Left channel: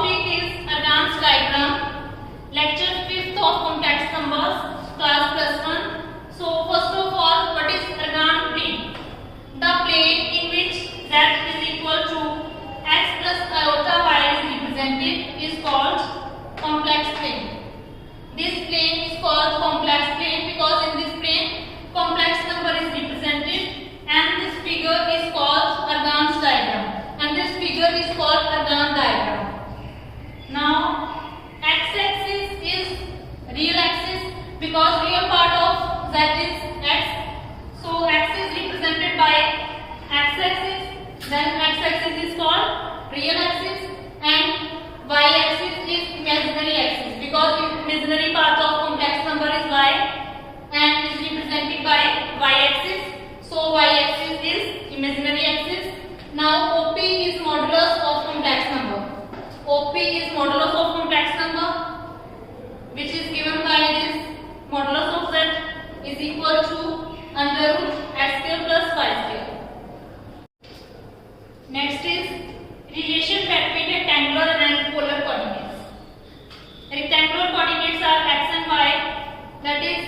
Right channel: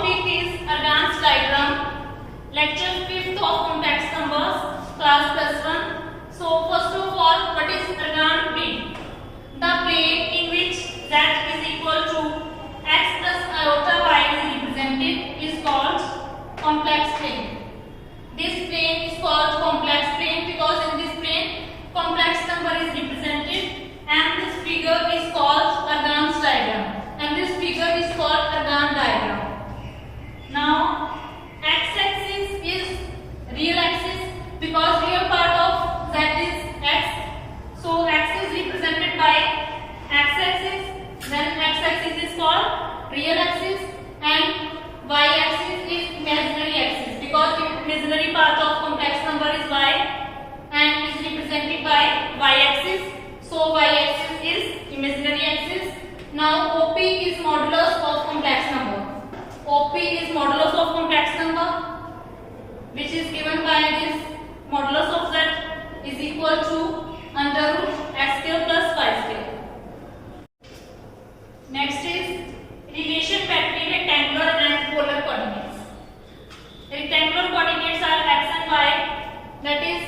topic is advanced diagram, lecture 5th of complex numbers, class plus 1. So first of all, what is organ plane? The plane in which z is equal to x plus iota y is represented is called complex plane. This plane is called complex plane because in this plane complex number is represented, and this figure is called advanced diagram, and this figure is called organ diagram. Now x-axis is real axis because real part of z is x, so x is represented by x-axis, then x-axis is called real axis, and y-axis is imaginary axis because imaginary part of complex number is y and is represented by y-axis, so y-axis is imaginary axis. Now OP is modulus of complex number. OP is modulus of complex number, which is given by this modulus of z is equal to under root x square plus y square. Next is relation between rectangular and polar coordinates. Rectangular coordinates are x and y, that is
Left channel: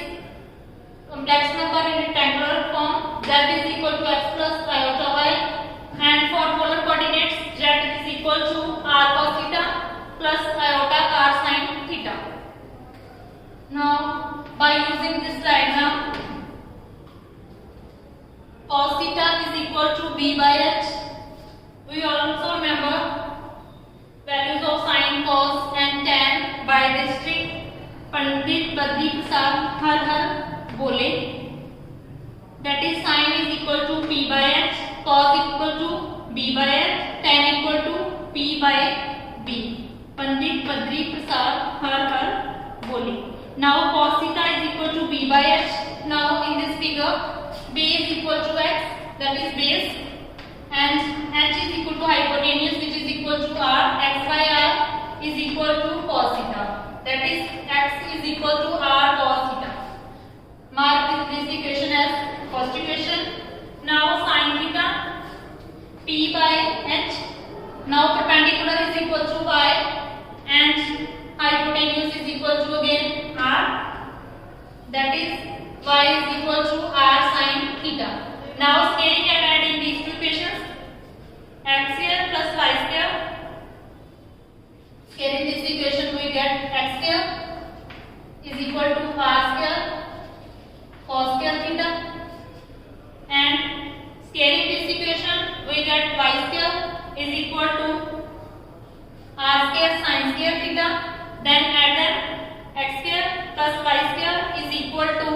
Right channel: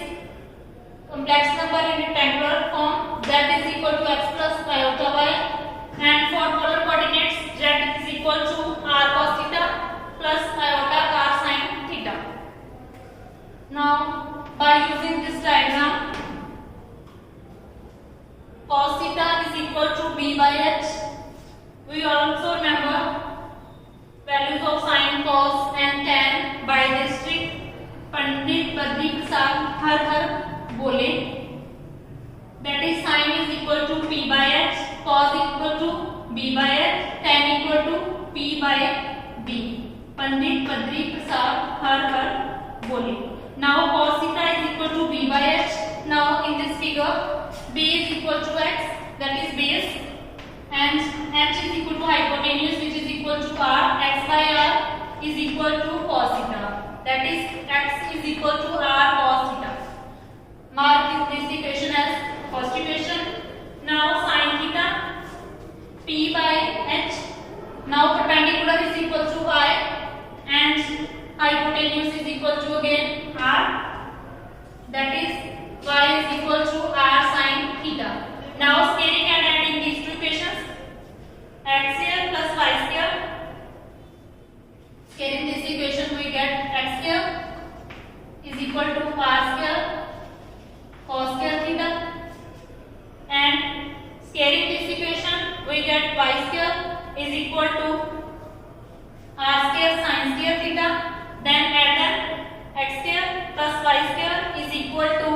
complex number in rectangular form z is equal to x plus iota y, and for polar coordinates z is equal to r cos theta plus iota r sin theta. Now by using this diagram, cos theta is equal to b by h. We also remember values of sin, cos and tan by this trick. Pandit Badri Prasad har bole, that is sin is equal to p by h, cos equal to b by h, tan equal to p by b. Pandit Badri Prasad har bole. Now cos theta is equal to b by h. Now in this figure b is equal to x, that is base, and h is equal to hypotenuse, which is equal to r. X by r is equal to cos theta, that is x is equal to r cos theta. Mark this equation as first equation. Now sin theta p by h. Now perpendicular is equal to y and hypotenuse is equal to again r, that is y is equal to r sin theta. Now scaling and adding these two equations, x square plus y square. Scaling this equation we get x square is equal to r square cos square theta, and scaling this equation we get y square is equal to r square sin square theta. Then add them, x square plus y square is equal to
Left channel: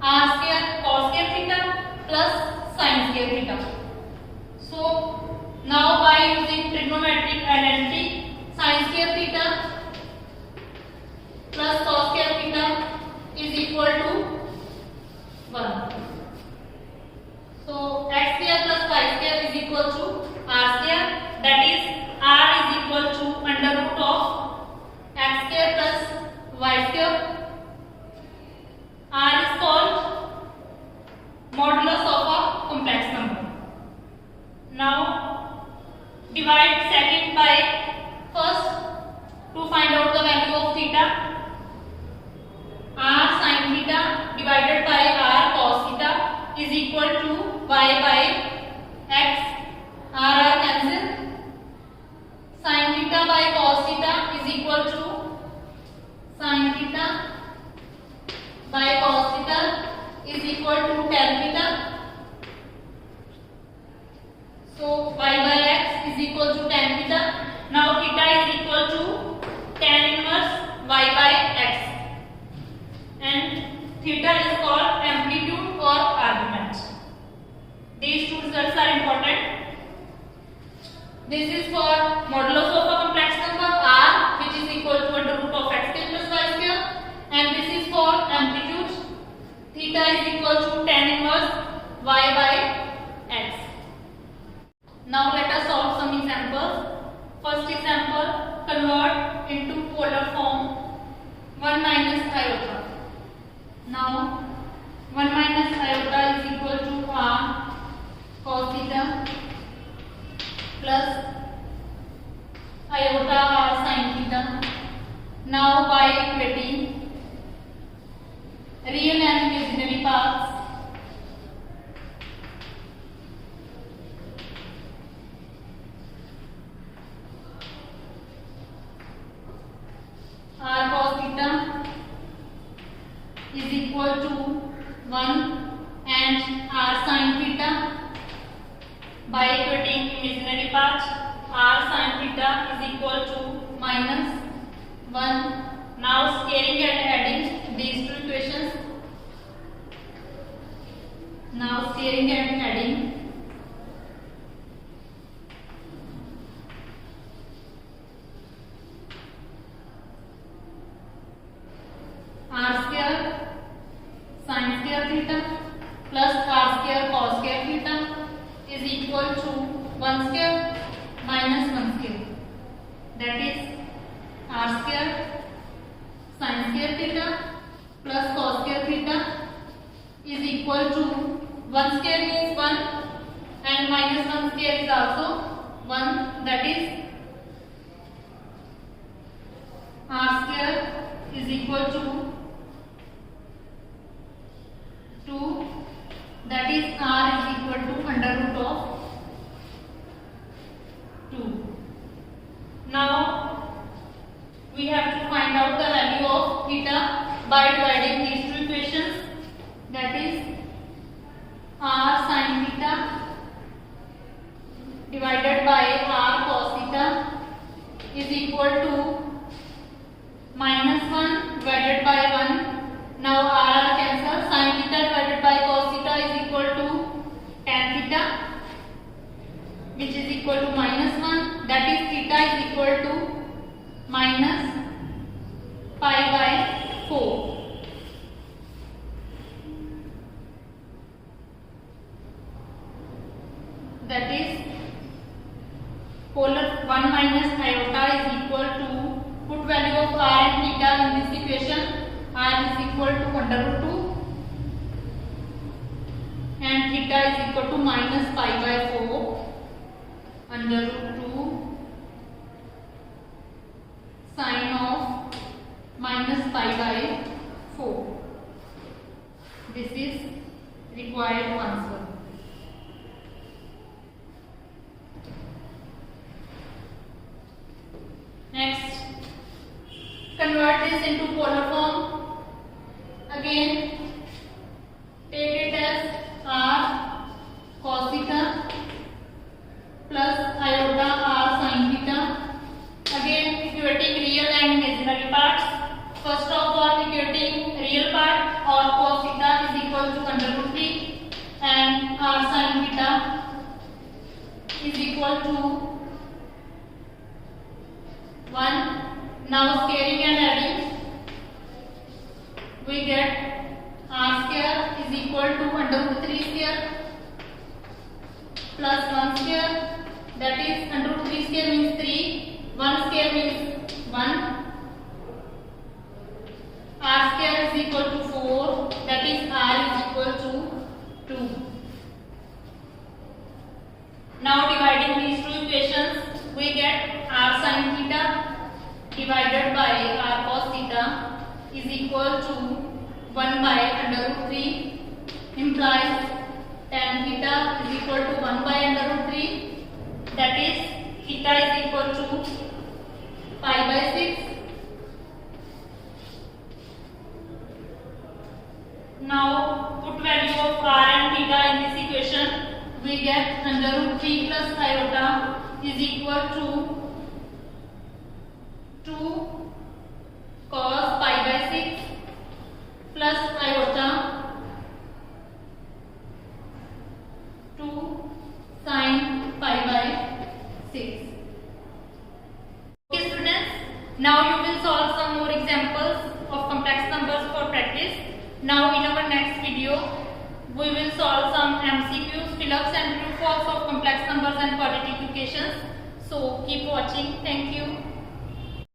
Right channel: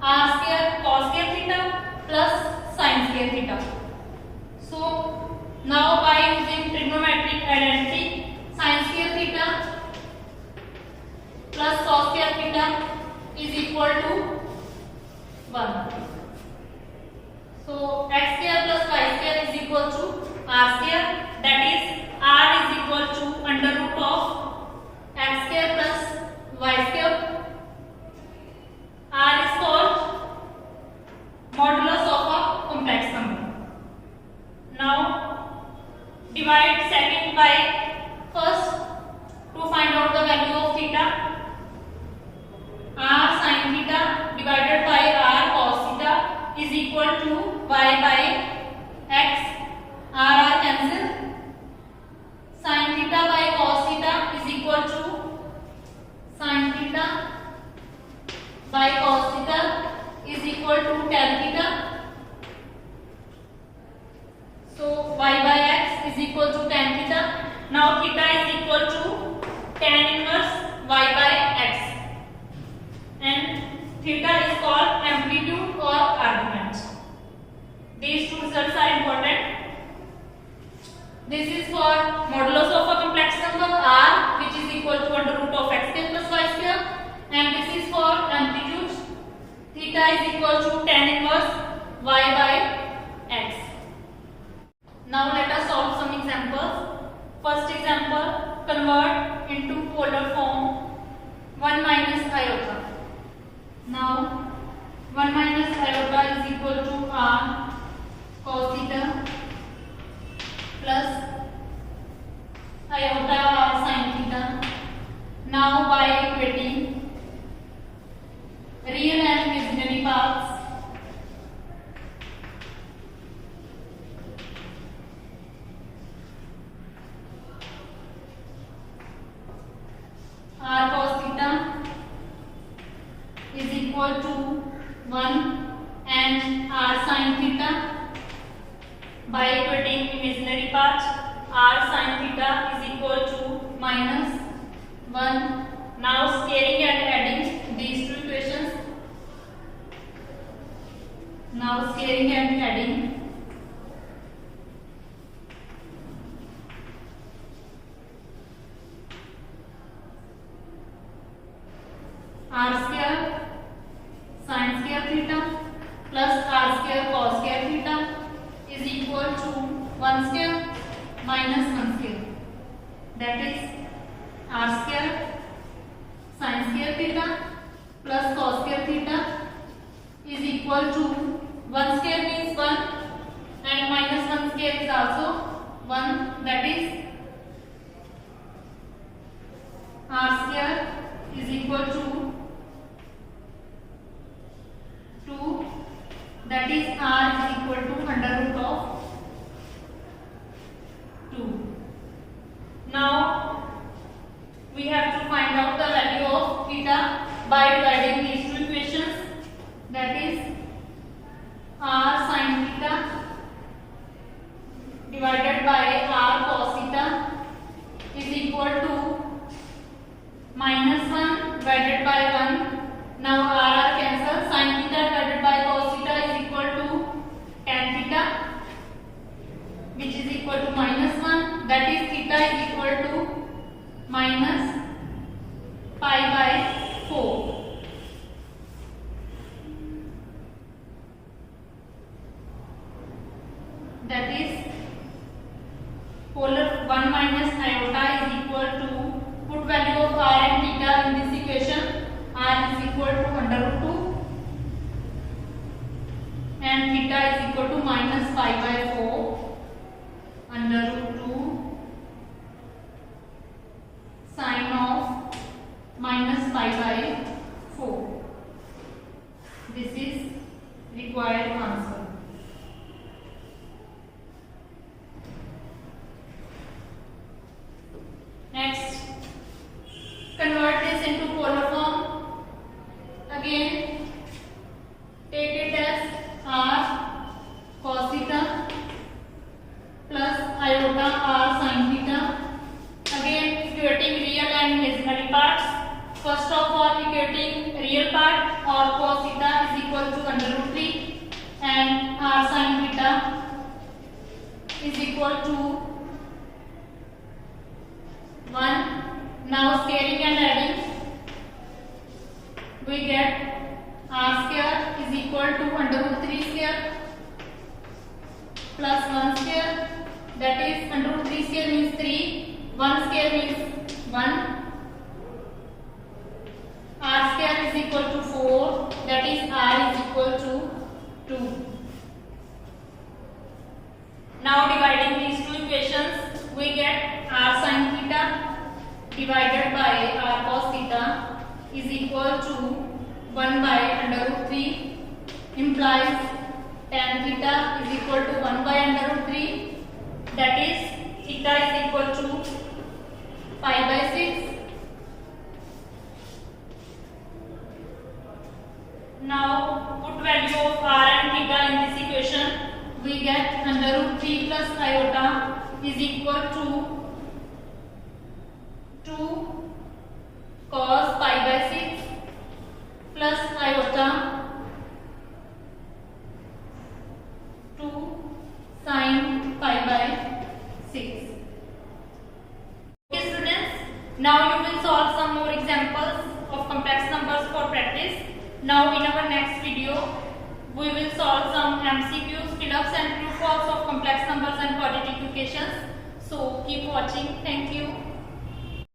r square cos square theta plus sin square theta. So now by using trigonometric identity, sin square theta plus cos square theta is equal to 1. So x square plus y square is equal to r square, that is r is equal to under root of x square plus y square. R is called modulus of a complex number. Now divide second by first to find out the value of theta. R sin theta divided by r cos theta is equal to y by x. R cancel. Sin theta by cos theta is equal to sin theta by cos theta is equal to tan theta. So y by x is equal to tan theta. Now theta is equal to tan inverse y by x, and theta is called amplitude or argument. These two results are important. This is for modulus of a complex number r, which is equal to under root of x square plus y square, and this is for amplitude. Theta is equal to tan inverse y by x. Now let us solve some examples. First example, convert into polar form 1 minus iota. Now 1 minus iota is equal to r cos theta plus iota or sin theta. Now by equating real and imaginary parts, r cos theta is equal to 1 and r sin theta. By equating imaginary part, r sin theta is equal to minus 1. Now scaling and adding these two equations. Now scaling and adding. R square sin square theta plus r square cos square theta is equal to 1 square minus 1 square. That is r square sin square theta plus cos square theta is equal to 1 square means 1 and minus 1 square is also 1. That is r square is equal to 2. That is r is equal to under root of 2. Now we have to find out the value of theta by dividing these two equations. That is r sin theta divided by r cos theta is equal to minus 1 divided by 1. Now r cancel. Sin theta divided by cos theta is equal to tan theta, which is equal to minus 1. That is theta is equal to minus pi by 4. That is polar 1 minus iota is equal to, put value of r and theta in this equation. R is equal to under root 2 and theta is equal to minus pi by 4 under root 2 sin of minus pi by 4. This is required answer. Next, convert this into polar form. Again, take it as r cos theta plus iota r sin theta. Again, equating real and imaginary parts. First of all, equating real part, or cos theta is equal to under root 3 and r sin theta is equal to 1. Now scaling and adding, we get r square is equal to under root 3 square plus 1 square. That is under root 3 square means 3. 1 square means 1. R square is equal to 4. That is r is equal to 2. Now dividing these two equations, we get r sin theta divided by r cos theta is equal to 1 by under root 3, implies tan theta is equal to 1 by under root 3. That is theta is equal to pi by 6. Now put value of r and theta in this equation. We get under root 3 plus iota is equal to 2 cos pi by 6 plus iota 2 sin pi by 6. Okay students, now you will solve some more examples of complex numbers for practice. Now in our next video, we will solve some MCQs, fill-ups and true false of complex numbers and quadratic equations. So keep watching. Thank you.